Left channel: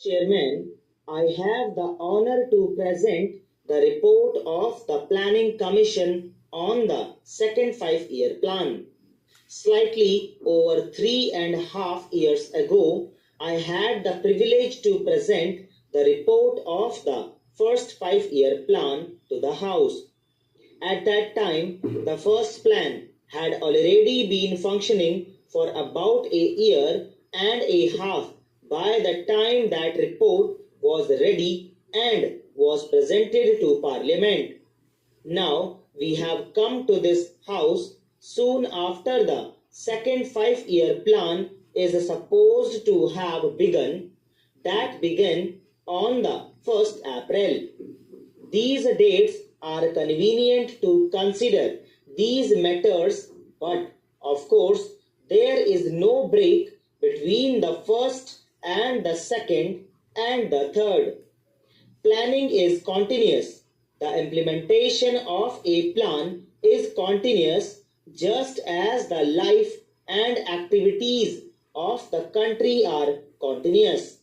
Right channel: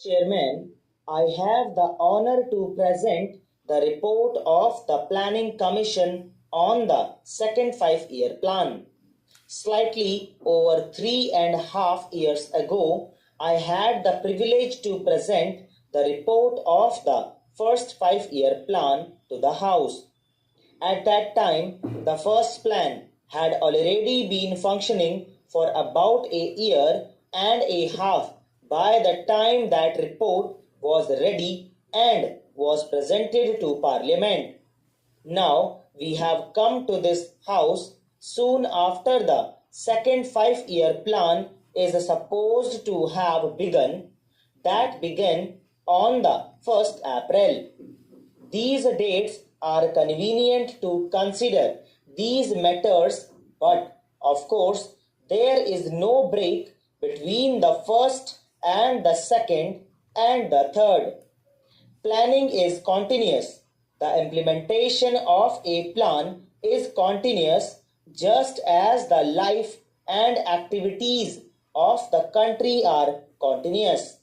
Chairman, I have the honor to present the report of the Planning Commission on the second 5-year plan. Slightly over 3.5 years ago, I had the privilege to present the report of the first 5-year plan to the House. At that time, the first plan had already been functioning for about a year and a half by the time that report was ready and was presented to Parliament. Now we have come to this House soon after the second 5-year plan is supposed to have begun, that began on the 1st April. These dates are convenient to consider these matters, but of course there is no break between the first and the second and the third. Planning is continuous. The implementation of a plan is continuous just as the life and activities of the country are continuous.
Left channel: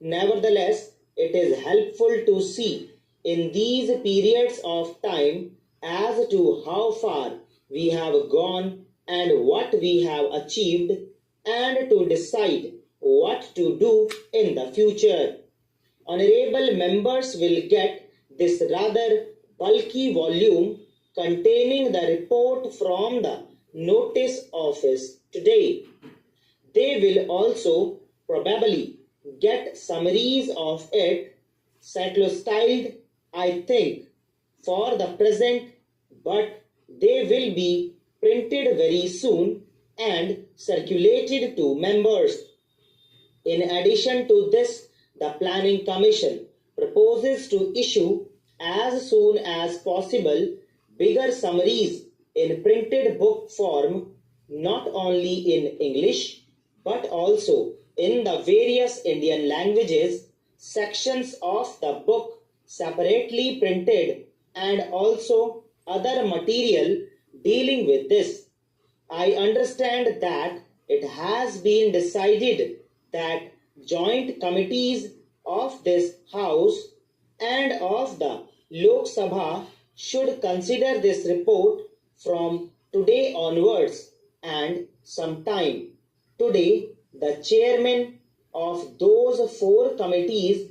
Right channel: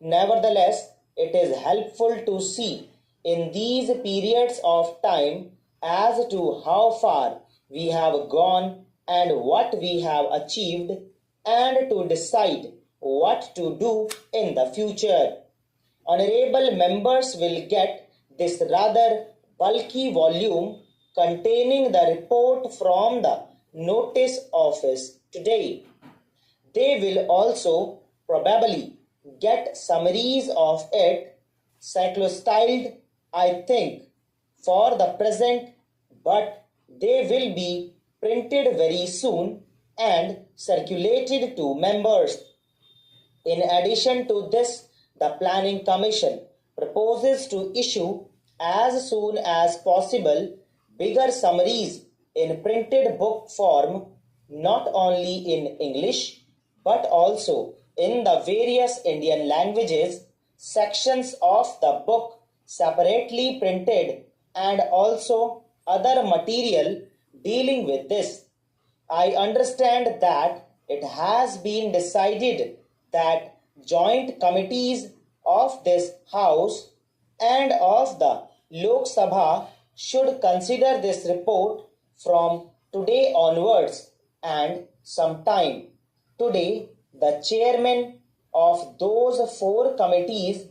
Nevertheless, it is helpful to see in these periods of time as to how far we have gone and what we have achieved, and to decide what to do in the future. Honorable members will get this rather bulky volume containing the report from the notice office today. They will also probably get summaries of it, cyclostyled, I think, for the present, but they will be printed very soon and circulated to members. In addition to this, the Planning Commission proposes to issue as soon as possible bigger summaries in printed book form, not only in English but also in the various Indian languages, sections of the book separately printed, and also other material dealing with this. I understand that it has been decided that joint committees of this House and of the Lok Sabha should consider this report from today onwards and sometime. Today, the chairman of those 4 committees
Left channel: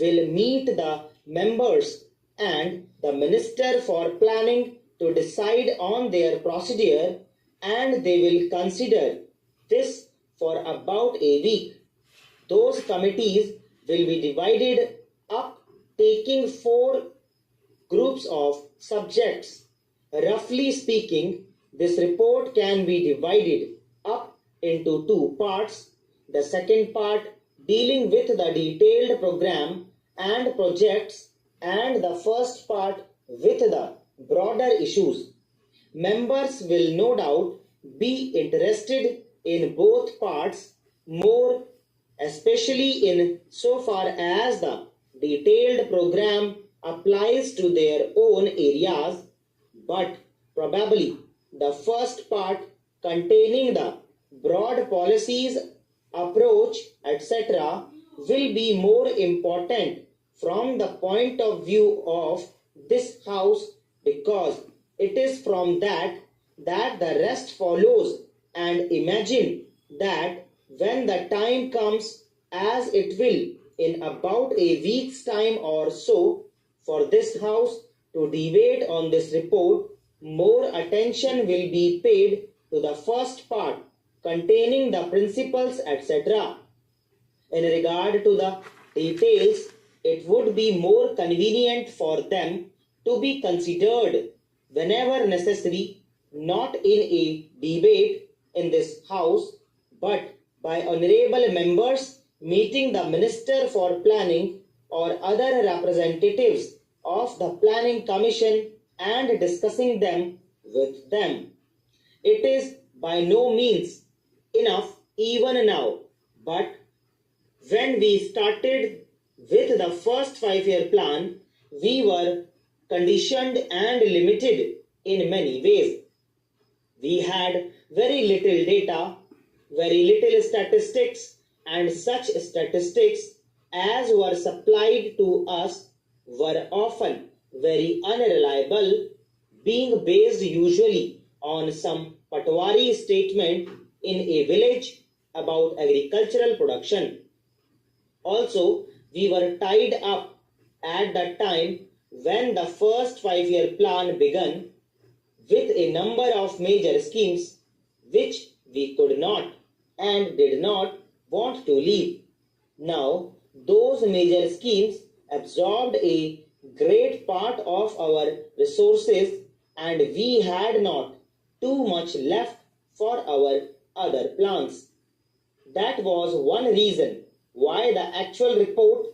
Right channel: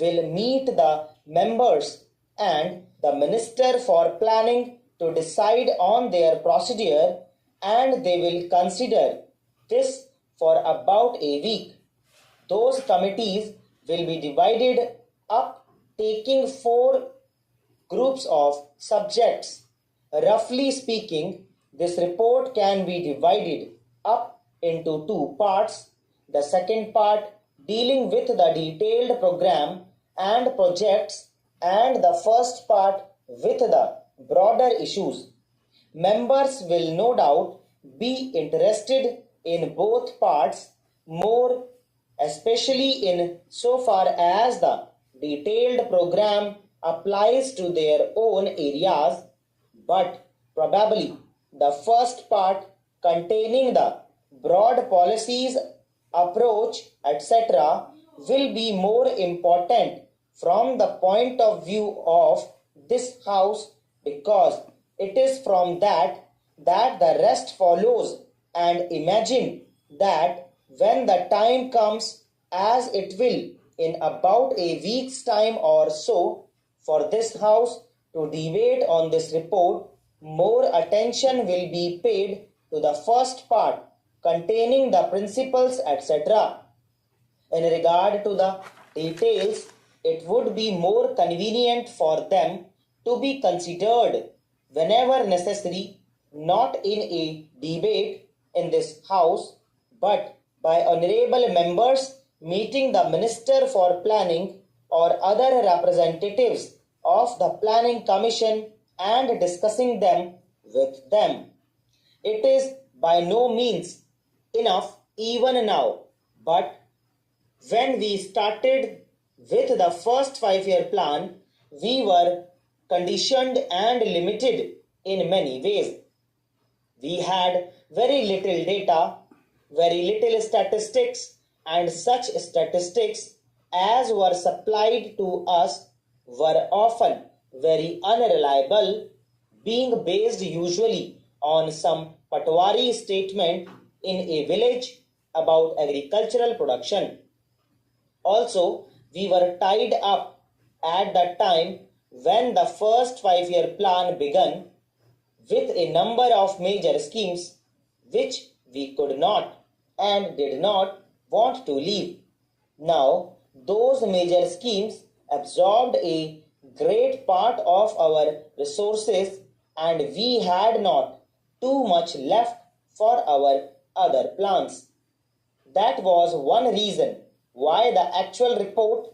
will meet the members and the Minister for Planning to decide on their procedure, and they will consider this for about a week. Those committees will be divided up, taking 4 groups of subjects. Roughly speaking, this report can be divided up into 2 parts. The second part dealing with the detailed program and projects, and the first part with the broader issues. Members will no doubt be interested in both parts more, especially in so far as the detailed program applies to their own areas, but probably the first part containing the broad policies, approach, etc. will be more important from the point of view of this House, because it is from that the rest follows, and imagine that when the time comes, as it will in about a week's time or so, for this House to debate on this report, more attention will be paid to the first part containing the principles, etc. In regard to the details, it would be more convenient for them to be considered whenever necessary, not in a debate in this House, but by honorable members meeting the Minister for Planning or other representatives of the Planning Commission and discussing them with them. It is by no means enough even now, but when we started with the first 5-year plan, we were conditioned and limited in many ways. We had very little data, very little statistics, and such statistics as were supplied to us were often very unreliable, being based usually on some patwari statement in a village about agricultural production. Also, we were tied up at the time when the first 5 year plan began with a number of major schemes which we could not and did not want to leave. Now, those major schemes absorbed a great part of our resources, and we had not too much left for our other plans. That was one reason why the actual report,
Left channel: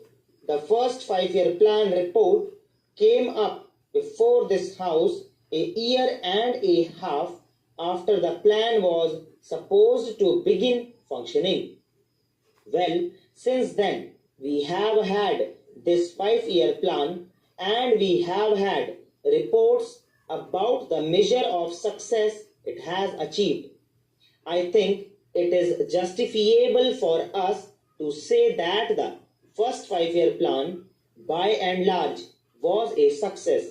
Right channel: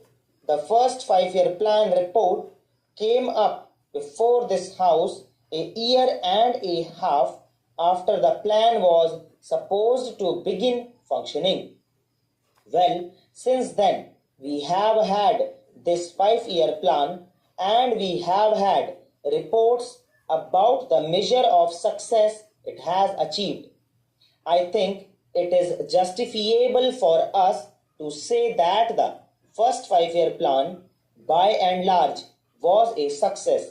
the first 5 year plan report, came up before this house a year and a half after the plan was supposed to begin functioning. Well, since then, we have had this 5 year plan and we have had reports about the measure of success it has achieved. I think it is justifiable for us to say that the first 5 year plan, by and large, was a success.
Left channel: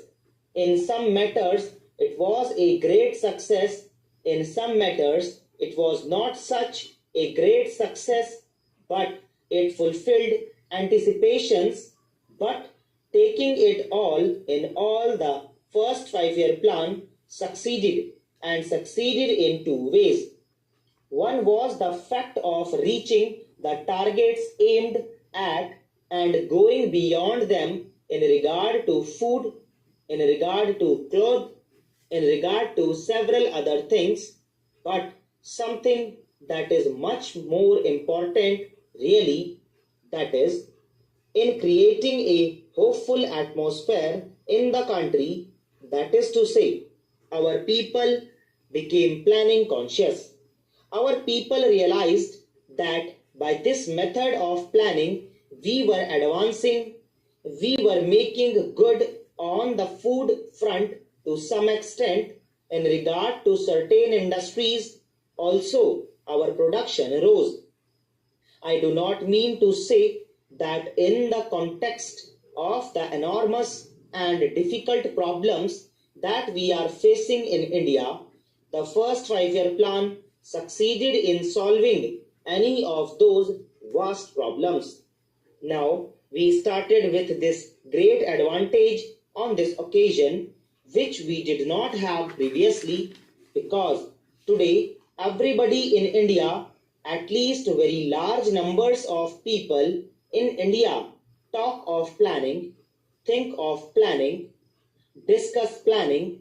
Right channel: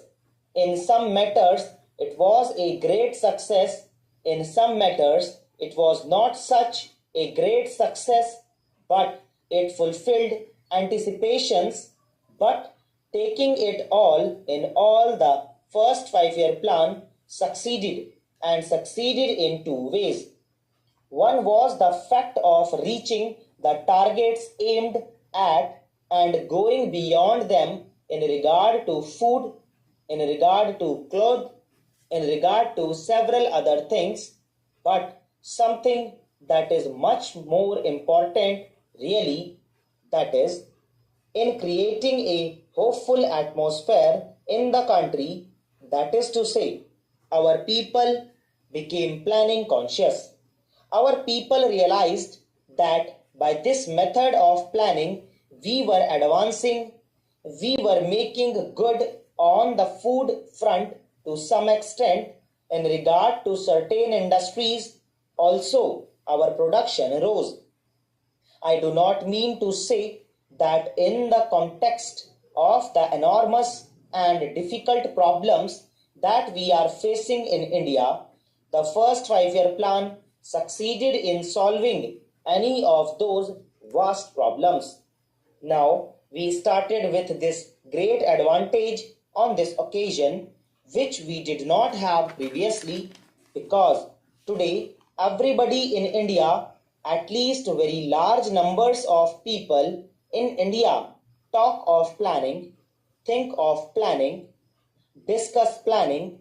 In some matters, it was a great success. In some matters, it was not such a great success, but it fulfilled anticipations. But taking it all in all, the first 5 year plan succeeded and succeeded in two ways. One was the fact of reaching the targets aimed at and going beyond them in regard to food, in regard to clothes, in regard to several other things, but something that is much more important, really, that is, in creating a hopeful atmosphere in the country, that is to say, our people became planning conscious. Our people realized that by this method of planning, we were advancing, we were making good on the food front to some extent in regard to certain industries. Also, our production rose. I do not mean to say that in the context of the enormous and difficult problems that we are facing in India, the first 5 year plan succeeded in solving any of those vast problems. Now, we started with this great advantage on this occasion, which we did not have previously, because today everybody in India, at least very large numbers of people in India, talk of planning, think of planning, discuss planning.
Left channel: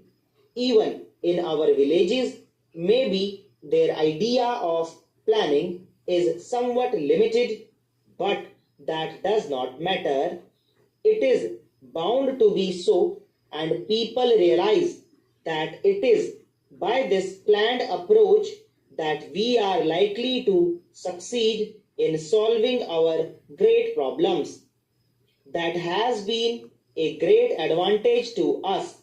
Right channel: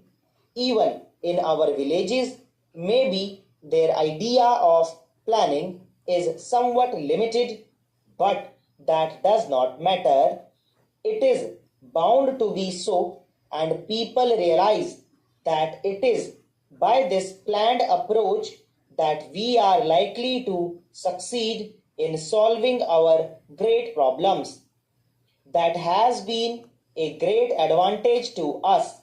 Even in our villages, maybe their idea of planning is somewhat limited, but that does not matter. It is bound to be so, and people realize that it is by this planned approach that we are likely to succeed in solving our great problems. That has been a great advantage to us.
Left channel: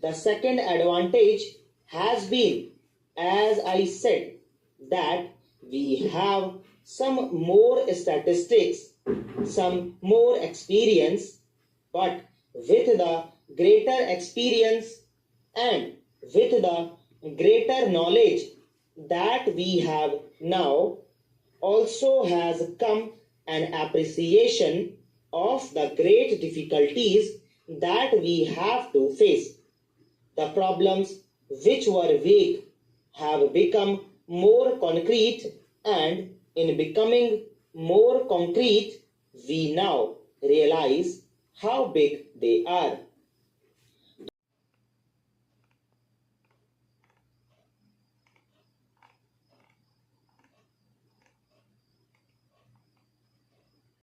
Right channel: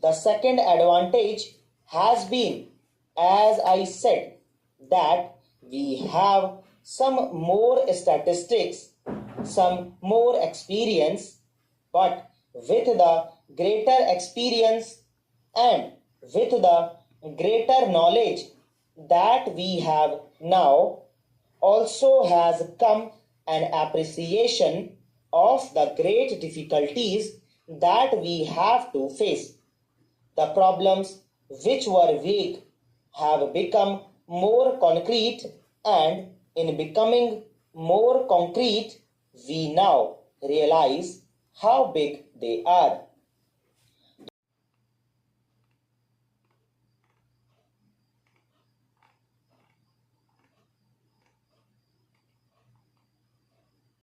The second advantage has been, as I said, that we have some more statistics, some more experience, but with the greater experience and with the greater knowledge that we have now, also has come an appreciation of the great difficulties that we have to face. The problems which were vague have become more concrete, and in becoming more concrete, we now realize how big they are.